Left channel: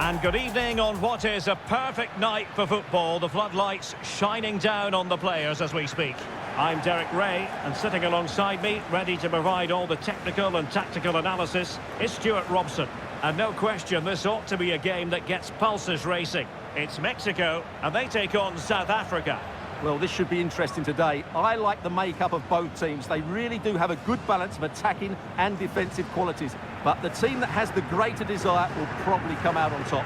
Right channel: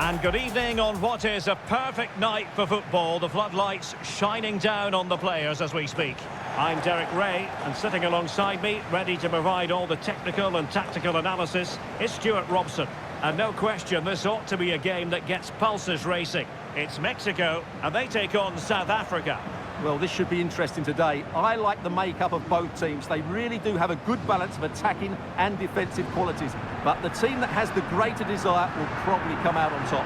And good evening on what is a perfect night for football. The floodlights shining down on the players as we speak. I'm Derek Ray, and sitting alongside me, ready to provide all the technical and tactical analysis, is Stuart Robson. And no question, this ought to be a game that gets pulses racing. It's Mexico, and they take on South Africa. Well, this should be interesting today. I like the makeup of both teams. They really do have a good balance of attacking and defensive qualities. But the team that has the greater desire will probably come out on top.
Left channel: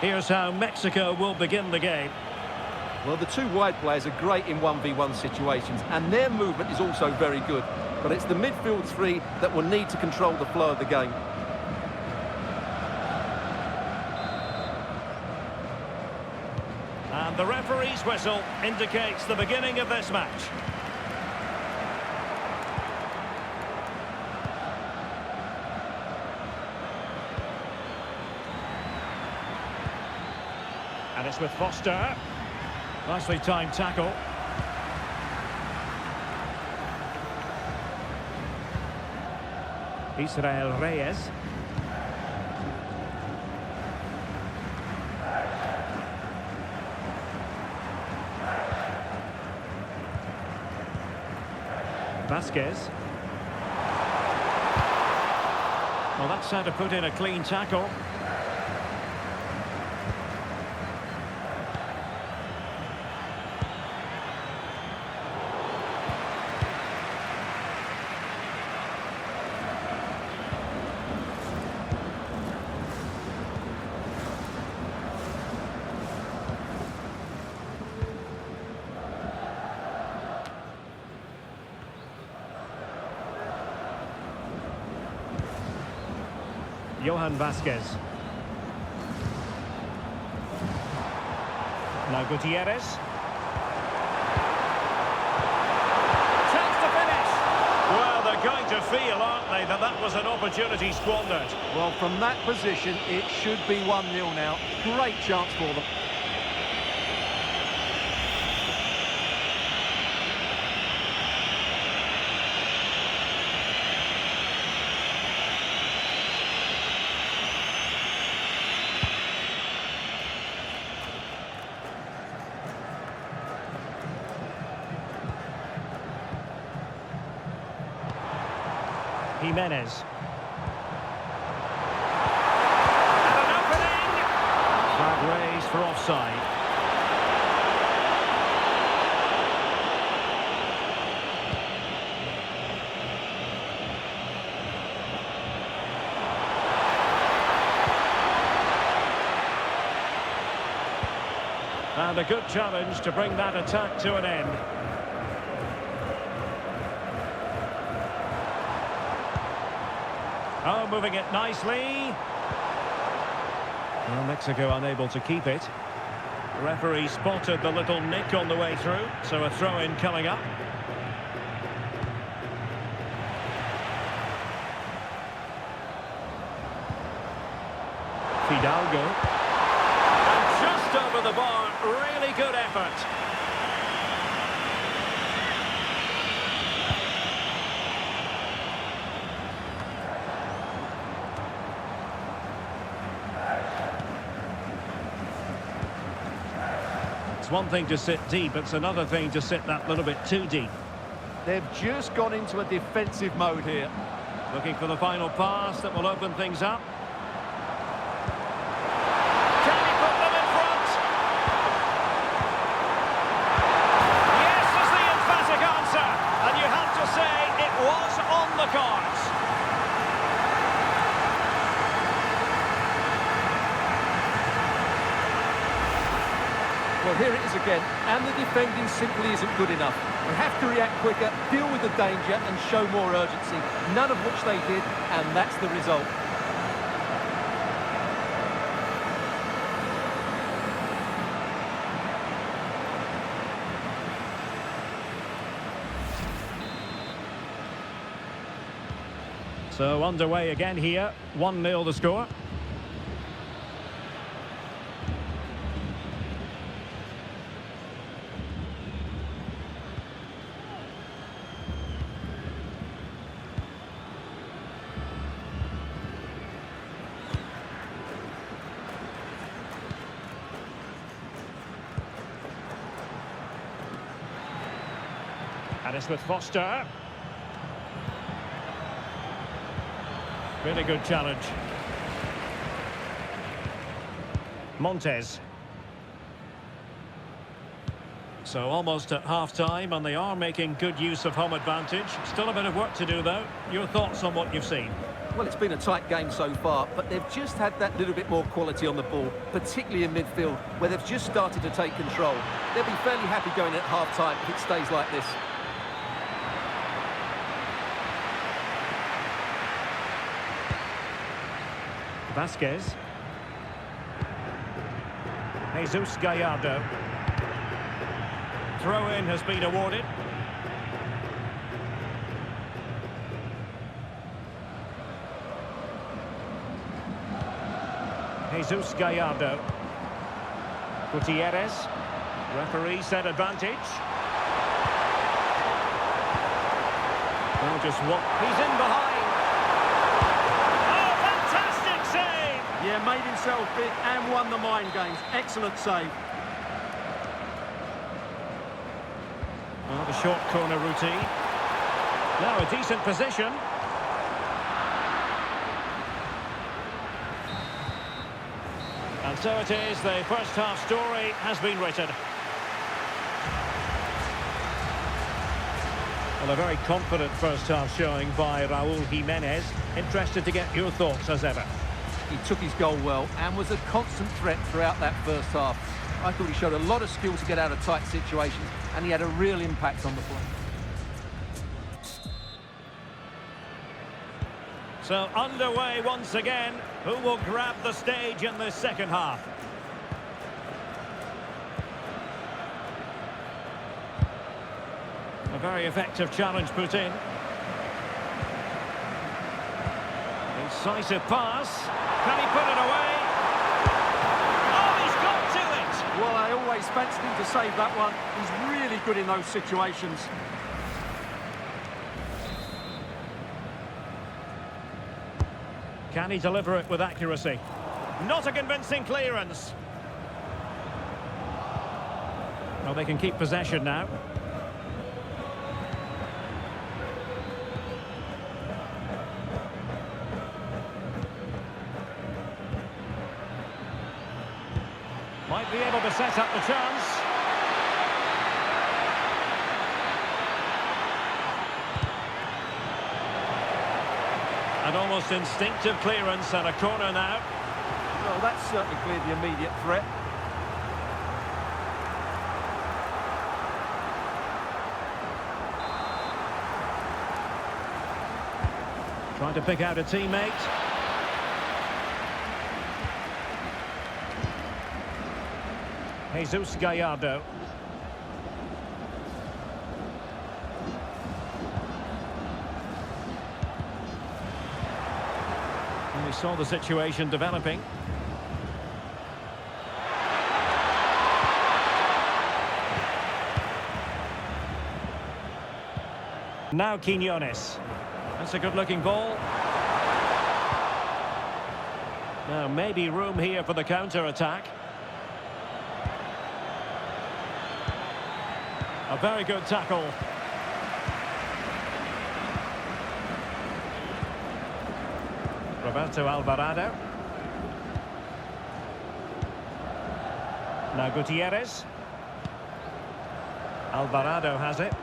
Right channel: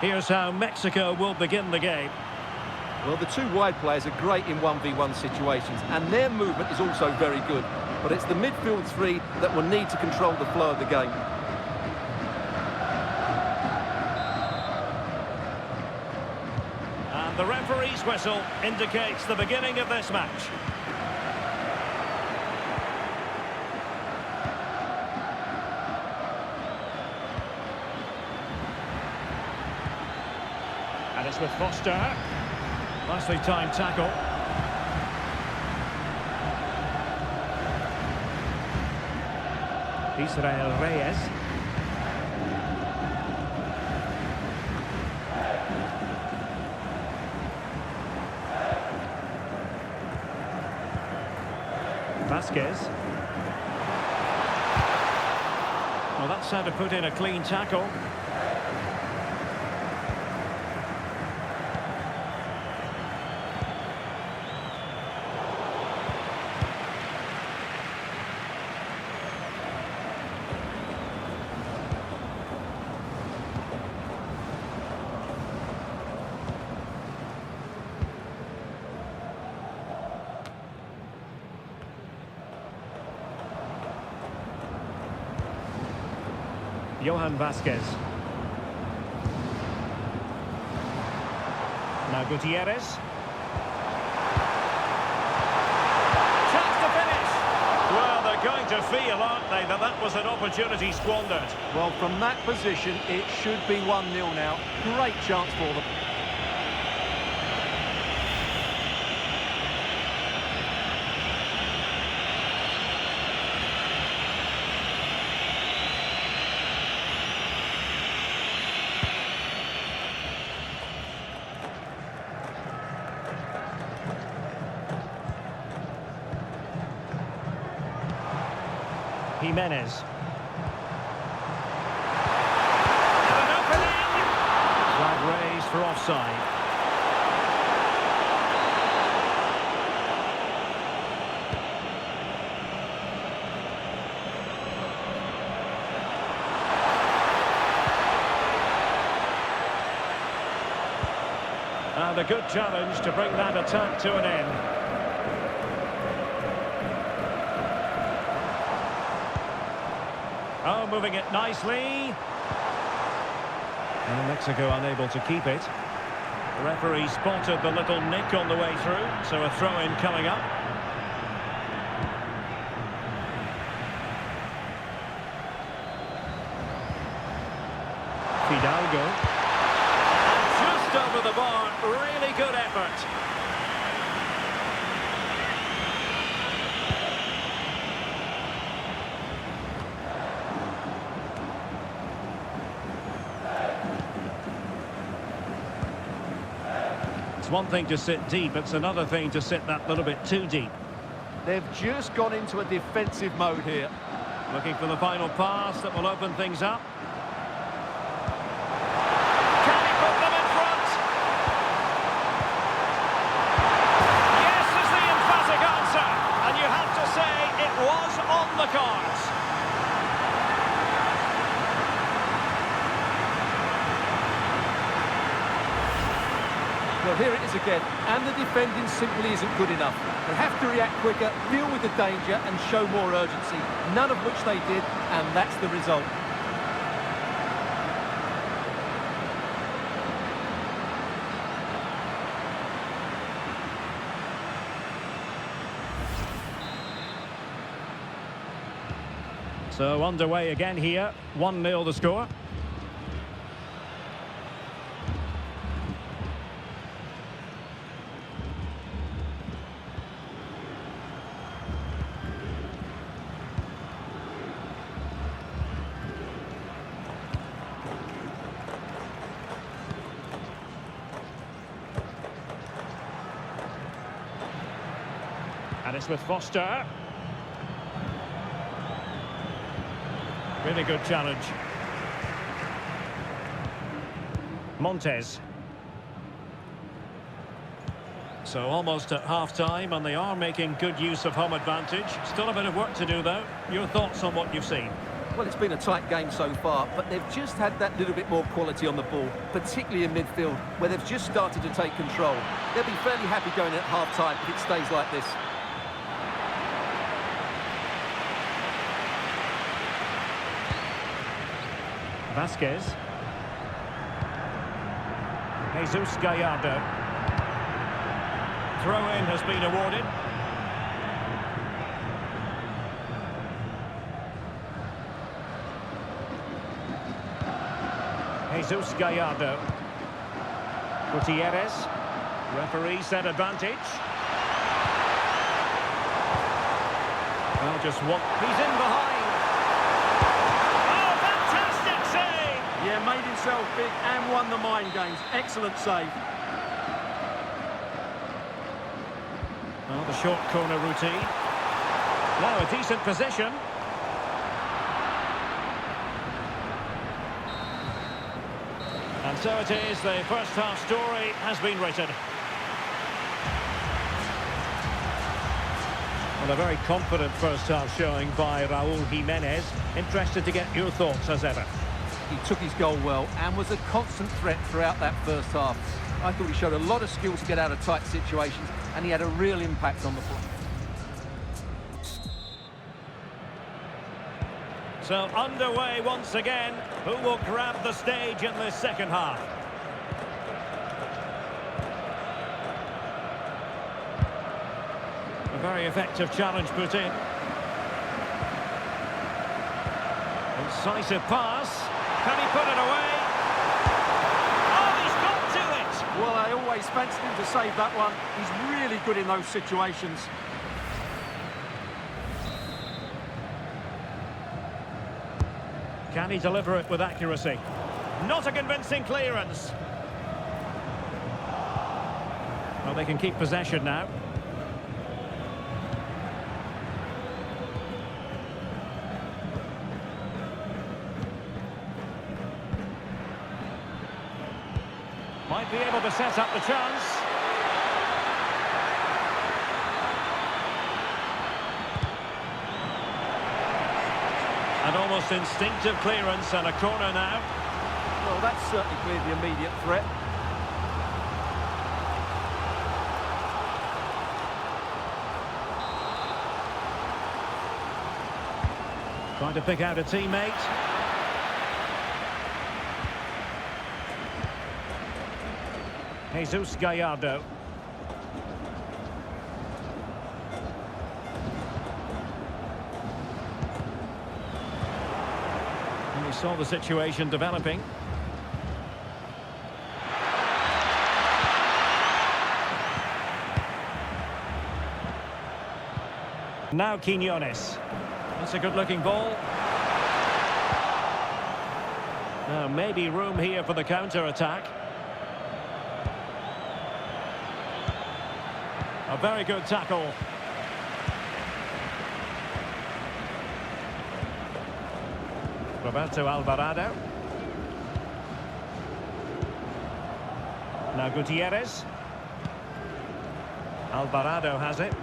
Here's how Mexico will begin the game. Well, the two wide players are great in 1v1 situations, and their movement is also very good. But it's the midfield three that will need to control the flow of the game. And the referee's whistle indicates the beginning of this match. And it's with Foster. Nicely timed tackle. Israel Reyes. Vasquez. Well, that's how to put in a clean tackle. Johan Vasquez. Now Gutierrez. Chance to finish. Well, they're going to feel, aren't they, that that was an opportunity squandered. Well, from that position, it should be 1-0 now. Great chance for them. Jimenez. And an opening! Flag raised for offside. And a good challenge to bring that attack to an end. Oh, moving it nicely. Well, Mexico unable to keep it. The referee spotted the little nick on the way through, so a throw-in coming up. Fidalgo. And just over the bar, really good effort. It's one thing to sit deep, it's another thing to sit that little bit too deep. They've just gone into a defensive mode here. Looking for the final pass that will open things up. Can he put them in front? Yes is the emphatic answer. And you have to say it was on the cards. Well, here it is again, and the defending simply isn't good enough. They have to react quicker, deal with the danger, and show more urgency, none of which they did, and that's the result. So underway again here, 1-0 the score. And it's with Foster. Really good challenge. Montes. So almost at half-time, and they are making good use of home advantage. Still a bit of work to do, though. Your thoughts on what you've seen? Well, it's been a tight game so far, but they've just had that little bit more quality on the ball, particularly in midfield, where they've just started to take control. They'll be fairly happy going at half-time if it stays like this. Vasquez. Jesus Gallardo. Throw-in has been awarded. Jesus Gallardo. Gutierrez. Referee said advantage. Well, just one. He's in behind. Yeah, made himself big and won the mind games. Excellent save. Well, the short corner routine. Now a decent position. And so it is, the first half story has been written. Well, a very confident first half showing by Raúl Jiménez. Interested to get your thoughts as ever. He took his goal well and was a constant threat throughout that first half. I thought he showed a lot of skill to get out of tight situations, and he had a real impact on the play. So underway once again. Who will grab the stage in this second half? A very effective challenge put in. Incisive pass. Can he put it away? Oh, he's got to it! Well, I always fancied him to save that one. He's really good in those situations. Can he deliver it with accuracy? Not a convincing clearance. Well, they can keep possession now. Might be able to set up the chance. An almost instinctive clearance and a corner now. Well, that's certainly cleared the immediate threat. Trying to pick out a teammate. Jesus Gallardo. And we saw the situation developing. Now Quiñones. That's a good-looking ball. Now maybe room here for the counter-attack. A very good tackle. Roberto Alvarado. Now Gutierrez. Alvarado has it.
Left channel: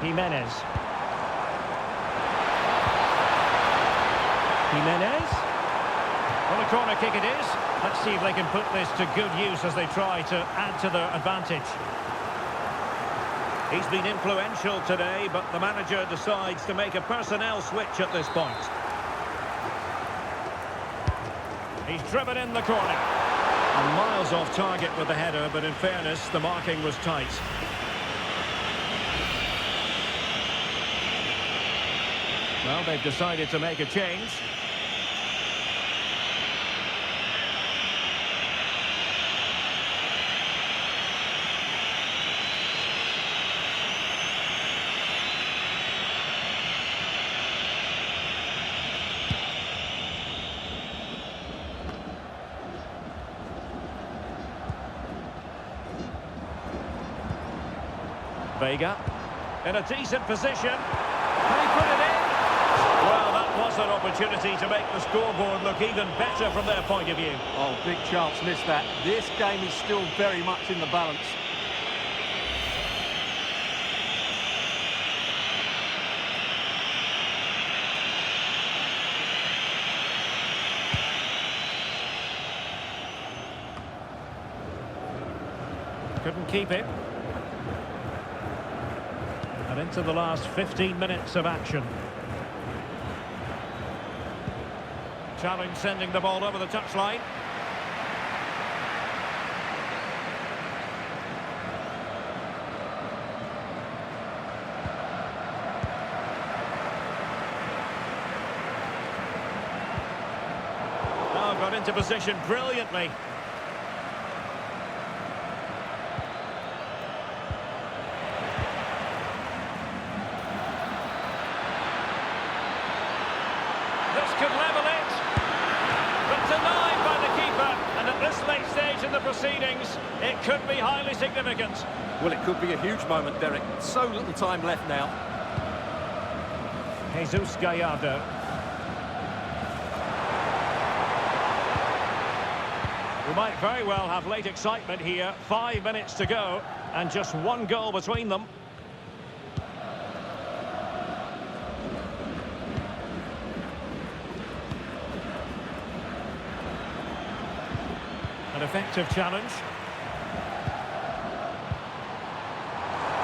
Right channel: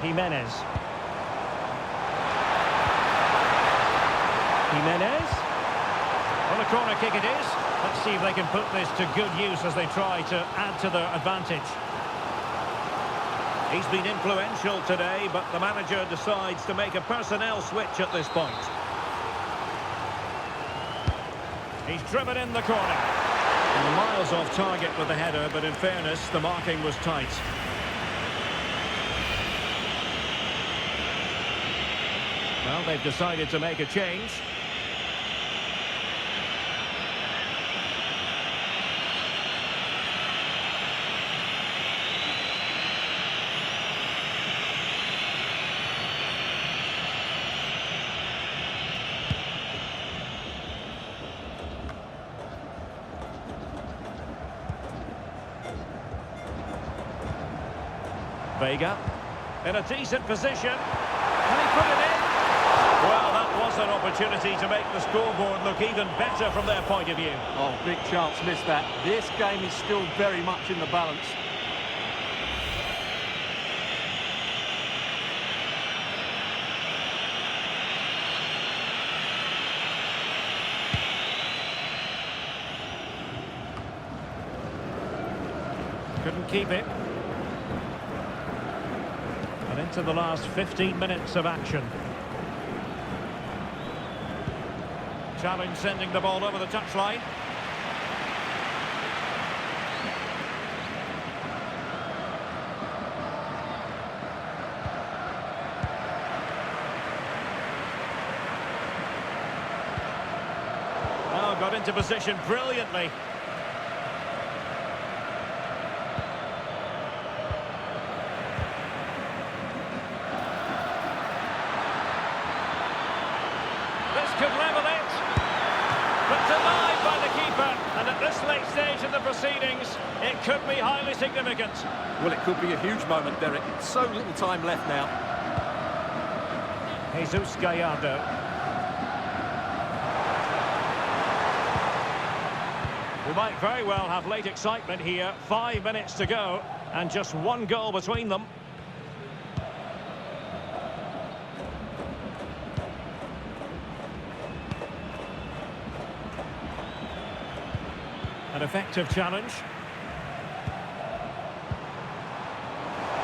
Jimenez. Jimenez. Well, a corner kick it is. Let's see if they can put this to good use as they try to add to their advantage. He's been influential today, but the manager decides to make a personnel switch at this point. He's driven in the corner. And miles off target with the header, but in fairness, the marking was tight. Well, they've decided to make a change. Vega in a decent position. Can he put it in? Well, that was an opportunity to make the scoreboard look even better from their point of view. Oh, big chance, missed that. This game is still very much in the balance. Couldn't keep it. And into the last 15 minutes of action. Challenge sending the ball over the touchline. Oh, got into position brilliantly. This could level it, but denied by the keeper, and at this late stage in the proceedings, it could be highly significant. Well, it could be a huge moment, Derek. So little time left now. Jesus Gallardo. We might very well have late excitement here. 5 minutes to go, and just one goal between them. An effective challenge.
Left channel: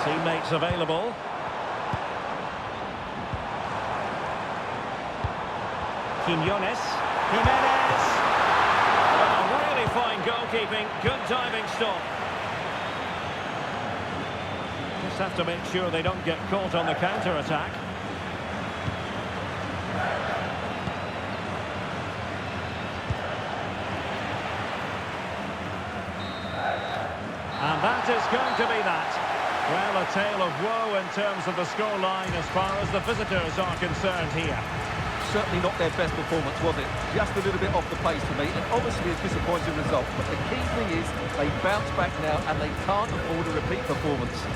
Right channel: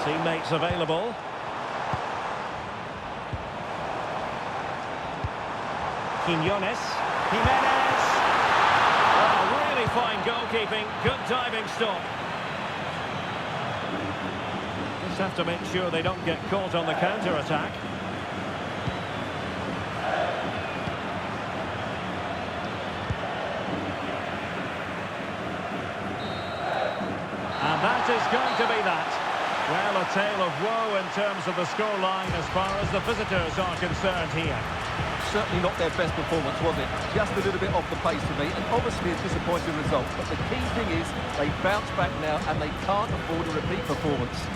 Teammates available. Quiñones. Jimenez. Well, really fine goalkeeping. Good diving stop. Just have to make sure they don't get caught on the counter-attack. And that is going to be that. Well, a tale of woe in terms of the scoreline as far as the visitors are concerned here. Certainly not their best performance, was it? Just a little bit off the pace for me, and obviously a disappointing result. But the key thing is they bounce back now, and they can't afford a repeat performance.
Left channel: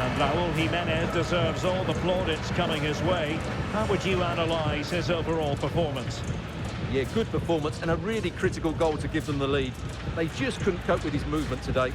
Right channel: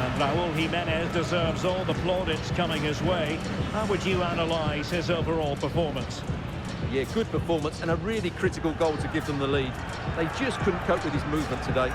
And Raúl Jiménez deserves all the plaudits coming his way. How would you analyse his overall performance? Yeah, good performance and a really critical goal to give them the lead. They just couldn't cope with his movement today.